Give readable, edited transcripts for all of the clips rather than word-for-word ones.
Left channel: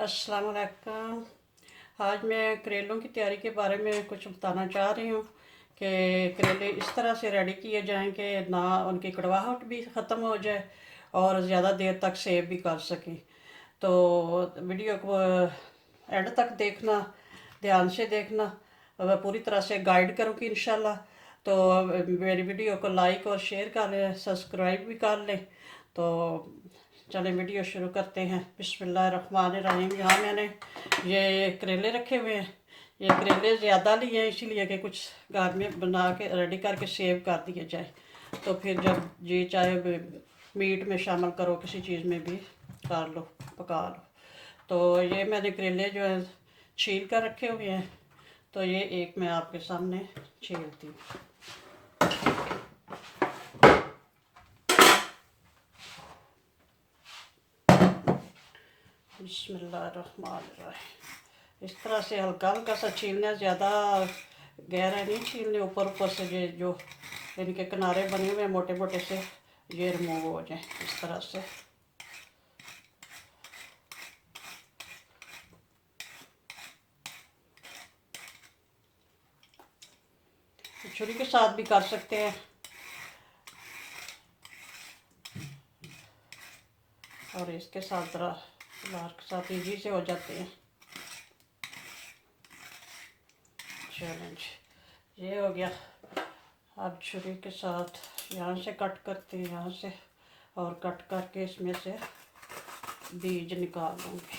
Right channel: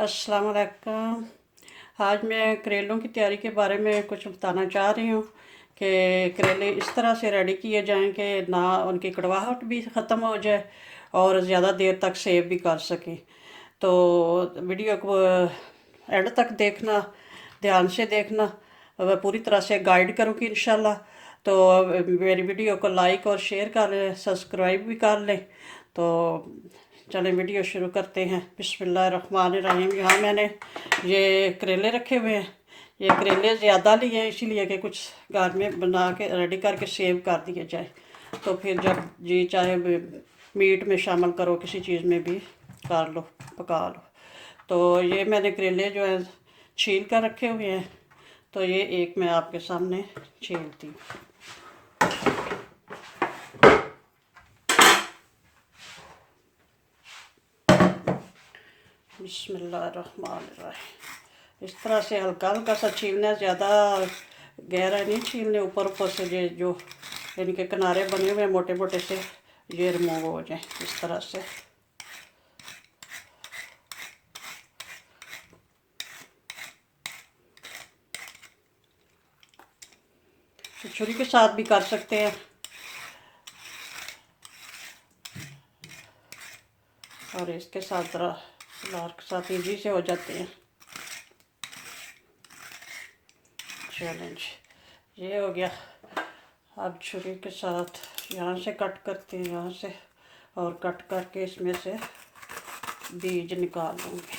अस्सलाम वालेकुम। आज मैं करेलों की तैयारी के बारे में कुछ बताना चाह रही हूँ कि करेले इस तरह से रेडी किए जाएं कि ना उनकी कड़वाहट भी ख़त्म हो जाए और ज़्यादा देर तक सेव भी कर सकें। तो वीडियो को एंड तक देखना, ध्यान से देखना। वह पूरी तरह से गाइड करूँगी इंशाल्लाह। तो मेरी वीडियो को लाइक और शेयर कर लें, सब्सक्राइब भी कर लें। तो चलें वीडियो शुरू करते हैं। बिस्मिल्लाहिर्रहमानिर्रहीम। यहाँ मैंने ये करेले रखे हुए हैं। ये करेले ज़्यादा लिए हैं इसीलिए कि कुछ घर में बना के रेडी करके सेव कर दिए जाए, तो फिर जब जी चाहे मीट में शामिल करो, किसी चीज़ में भी कर लो, पका लो। तो ये मैंने करेले जो है छील कर रखे हुए हैं। तो ये एक मैं आपके सामने छीलती हूँ। बिस्मिल्लाहिर्रहमानिर्रहीम। इस तरह से हल्का हल्का सा छीलना, ज़्यादा गहरा नहीं छीलने। ऊपर ऊपर से ये जो इनके किनारे बने हुए मोटे मोटे से ये रिमूव हो जाए इस तरह से। छुरी के साथ भी कर सकते हैं और इसके साथ ज़रा लार के साथ ईजी से हो जाते हैं। चैलेंज ये हो गया। अब छुरी के साथ यहाँ से कट करते हैं, यहाँ से, और कट करके इसमें से बीज निकाल लूँगी।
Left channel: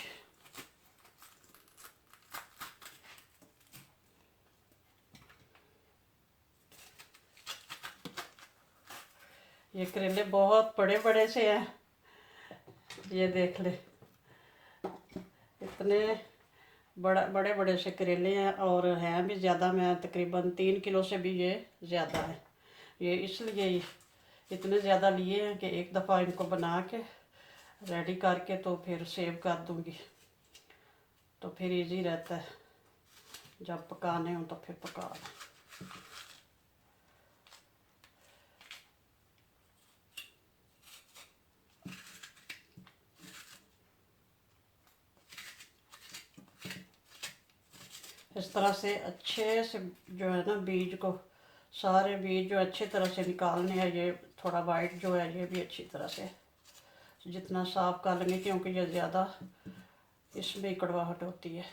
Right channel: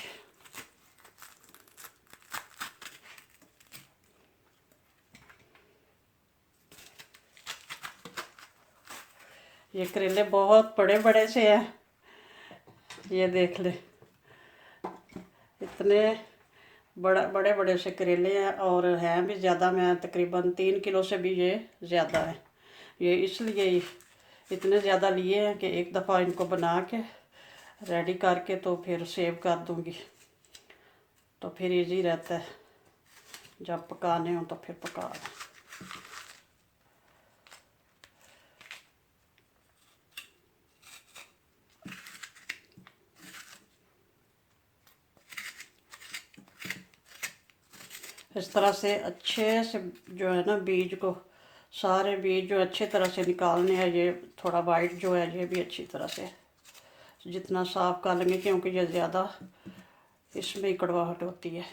ये करेले बहुत बड़े बड़े से हैं, ये देख ले, इतने बड़े बड़े से करेले हैं और हैं भी ज़्यादा। मैं तकरीबन 3 किलो से भी ये ज़्यादा है। ये इसलिए इतने ज़्यादा लिए हैं कि एक दफ़ा इनको बना के रेडी करके तो फिर सेव कर दूँगी, तो फिर इजी रहता है जब पकाने हो तो फिर पका लो। इस तरह से अच्छे से जो है ना, बीज को, सारे बीज जो अच्छे तरह से निकालने हैं। ये थोड़ा वाइट जो है ये भी अच्छी तरह से जितना साफ कर लेंगे, क्योंकि ये ज़्यादा इसमें कड़वाहट होती है।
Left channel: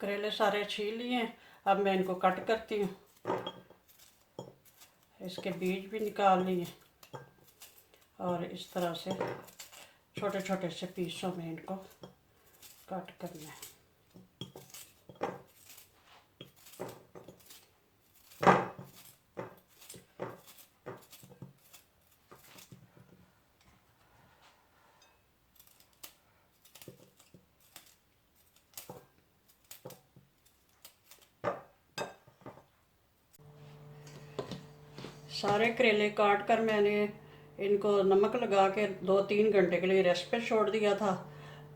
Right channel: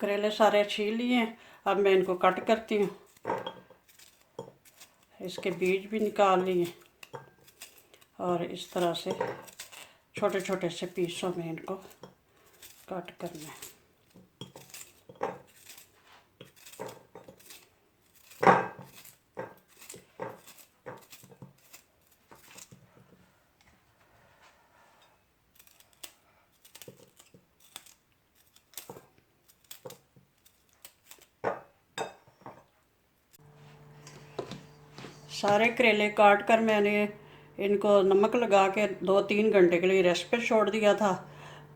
करेले सारे छील लिए हैं। अब मैं इनको कट करती हूँ। इसके बीज भी निकाल लिए और इस तरह से छोटे छोटे से पीसों में इनको कट करना है। सारे करेले काट कर मैंने इनको नमक लगा के 2-3 घंटे के लिए रेस्ट पे छोड़ दिया था।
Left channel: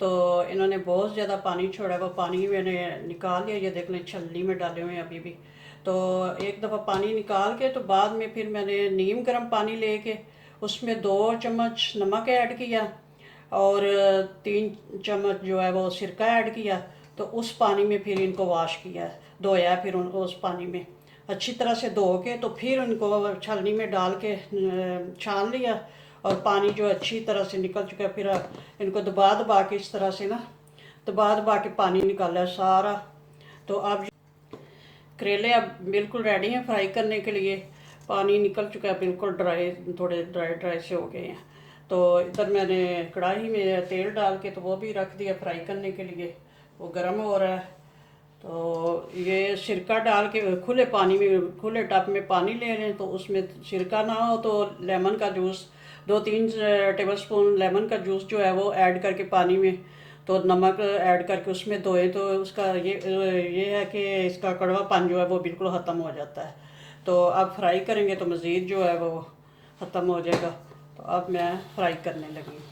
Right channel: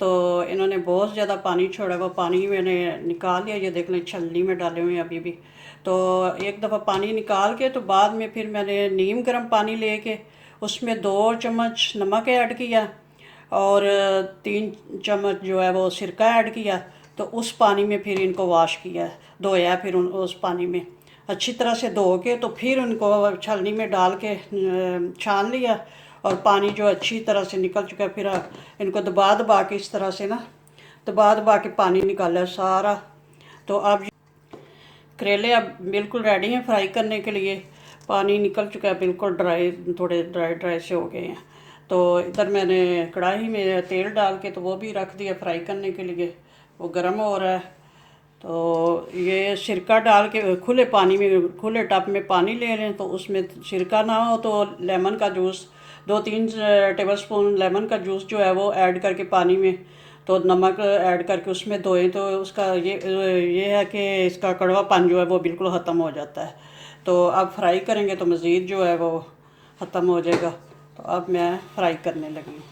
तो इन्होंने बहुत ज़्यादा पानी छोड़ा, वो पानी मैंने निकाल लिया। ये देख लें, छलनी में डाले हुए हैं अभी भी। तो एक दफ़ा पानी निकाल के तो बाद में फिर मैंने नीम गर्म पानी लेके उसमें 2 चम्मच नमक ऐड किया और 3 चम्मच जो है वो सिरका ऐड किया। तो उस पानी में फिर इनको वॉश किया, धोया। फिर उस पानी में अच्छी तरह से धो के तो फिर उनको छलनी में डाल के छान लिया और पानी जो अच्छी तरह से निकल चुका है। फिर इनको दबा दबा के इस तरह से ना, दबा दबा के पानी निकाला सारा। तो अब करेले अब बिल्कुल रेडी हैं फ्राई करने के लिए। पानी निकल चुका है, बिल्कुल ड्राई, थोड़े ड्राई ड्राई से हो गए हैं। तो इधर मैंने कढ़ाई में तेल डाल के तो वो भी रख दिया फ्राई करने के लिए, वो गर्म हो रहा है। तो ये सिरका डाल के खुले पानी में, खुले टब में पानी ले लें। तो उसमें सिरका ना हो तो लेमन का जूस, 2-3 टेबलस्पून लेमन का जूस जो है वो ऐड करके पानी में, तो नमक ऐड करके उसमें धोएं तो उसका ये है कि इसका कड़वापन जो है वो बिल्कुल ख़त्म हो जाता है। तो अब फ्राई करेंगे तो मज़ीद जो है वो ख़त्म हो जाएगा। तो अब मैं फ्राई करने लगी हूँ।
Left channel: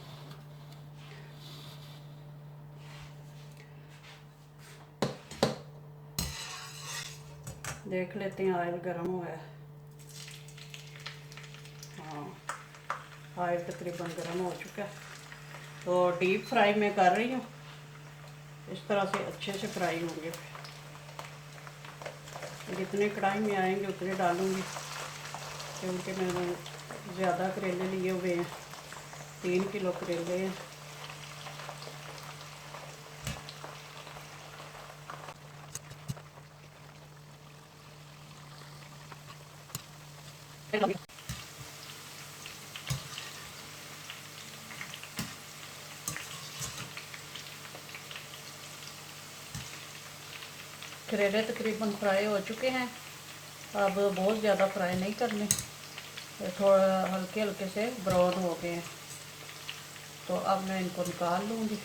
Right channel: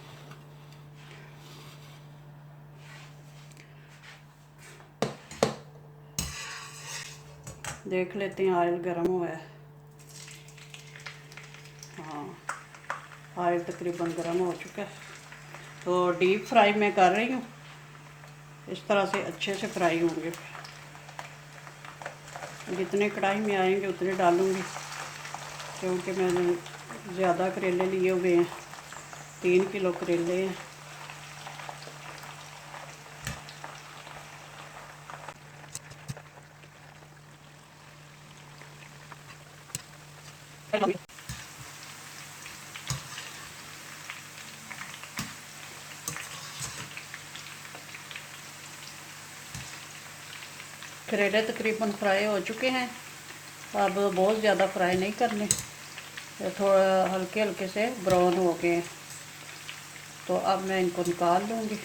देख लेते हैं ऑयल गर्म हुआ है। हाँ, ऑयल तकरीबन गर्म हो चुका है। तो डीप फ्राई मैं कर रही हूँ, इस तरह से अच्छे से फ्राई होंगे। जितने कढ़ाई में आएंगे उतने डालूँगी, क्योंकि मैंने ज़्यादा करेले लिए हुए हैं, 3 किलो करेले हैं। करेले तकरीबन फ्राई हो चुके हैं। अब बहुत ज़्यादा फ्राई नहीं करने, थोड़ा हल्के हल्के से ब्राउन हो गए हैं। तो अब मैं इनको निकाल लूँगी।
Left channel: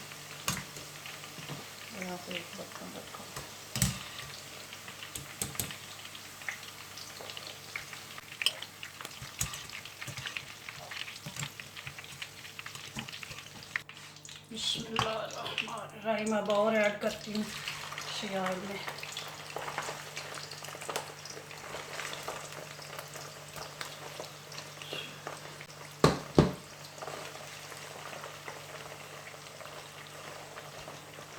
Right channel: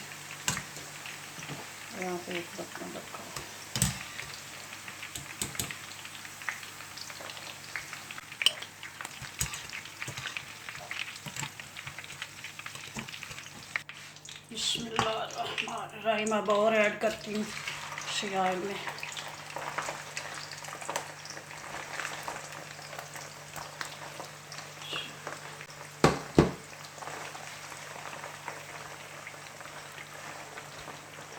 यहाँ पे एक बर्तन रखा। बिस्मिल्लाहिर्रहमानिर्रहीम। अब और ऐड करती हूँ सियाल में।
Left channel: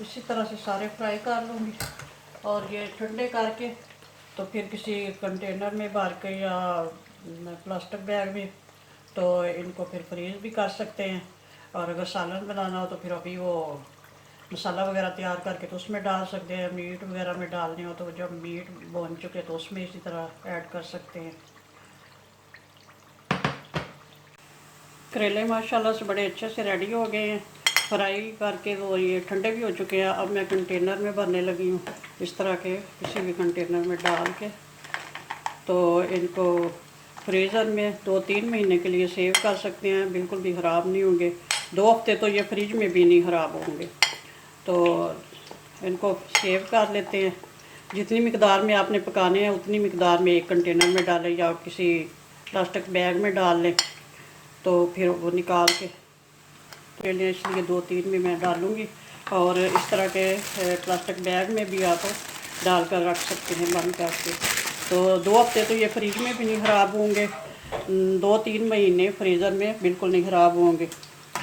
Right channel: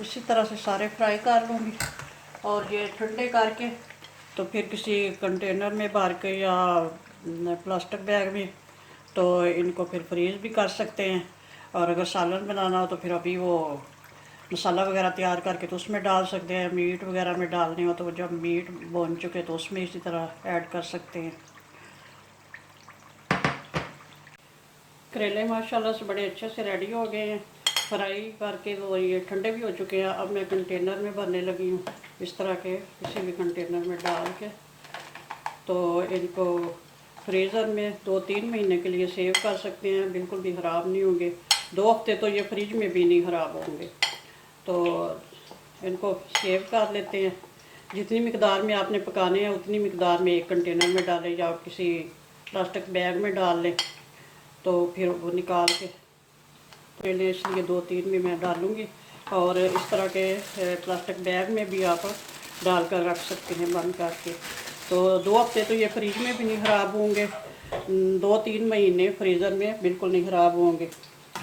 इसी तरह से सारे फ्राई कर लूँगी और ये ठंडे करके तो फिर किसी कंटेनर में भर के या प्लास्टिक बैग में तो इनको फिर फ्रीज़ भी कर सकते हैं। और अगर सालन बनाना हो तो फिर अभी वो मसाला वगैरह तैयार करके तो उसमें डाल सकते हैं। मीट वगैरह में डालने हो तो जब मीट भून चुके तो उसमें इसी तरह ऐड कर सकते हैं। करेले माशाल्लाह से बड़े अच्छे से रेडी हो गए हैं फ्राई करके। वो ये ठंडे भी हो चुके हैं। अब मैं कंटेनर में भरने लगी हूँ, इस तरह के किसी भी कंटेनर में डाल के। तो इनको फ्रीज़र में 2-3 महीने के लिए सेव कर सकते हैं, बिल्कुल भी ख़राब नहीं होंगे। 2 हफ्ते तो ये फ्रिज में भी नहीं ख़राब होंगे। तो इनको सेव कर लेते हैं। जितनी मिकदार में आपने पकाने हैं उतनी मिकदार में एक कंटेनर में डालें या किसी प्लास्टिक बैग में डाल लें। तो फिर वो निकाल के करेले इसलिए 2-3 में मैं डालूँगी। और इस तरह के प्लास्टिक बैग में भी आप डाल कर रख सकते हैं बंद करके। तो 2 हफ्ते तो ये फ्रिज में भी नहीं ख़राब होंगे, 2-3 महीने फ्रीज़र में बिल्कुल नहीं ख़राब होंगे।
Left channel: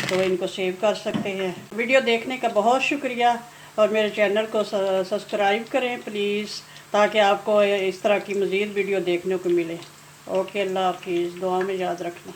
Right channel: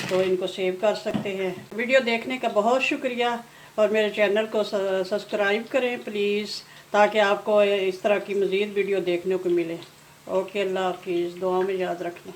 तो इनको सेव कर सकते हैं। वीडियो देखने का बहुत शुक्रिया और मेरे चैनल को सब्सक्राइब करें प्लीज़, ताकि आपको इस तरह की मज़ीद वीडियो देखने को मिले। ओके, अल्लाह हाफिज़। दुआ में याद रखना।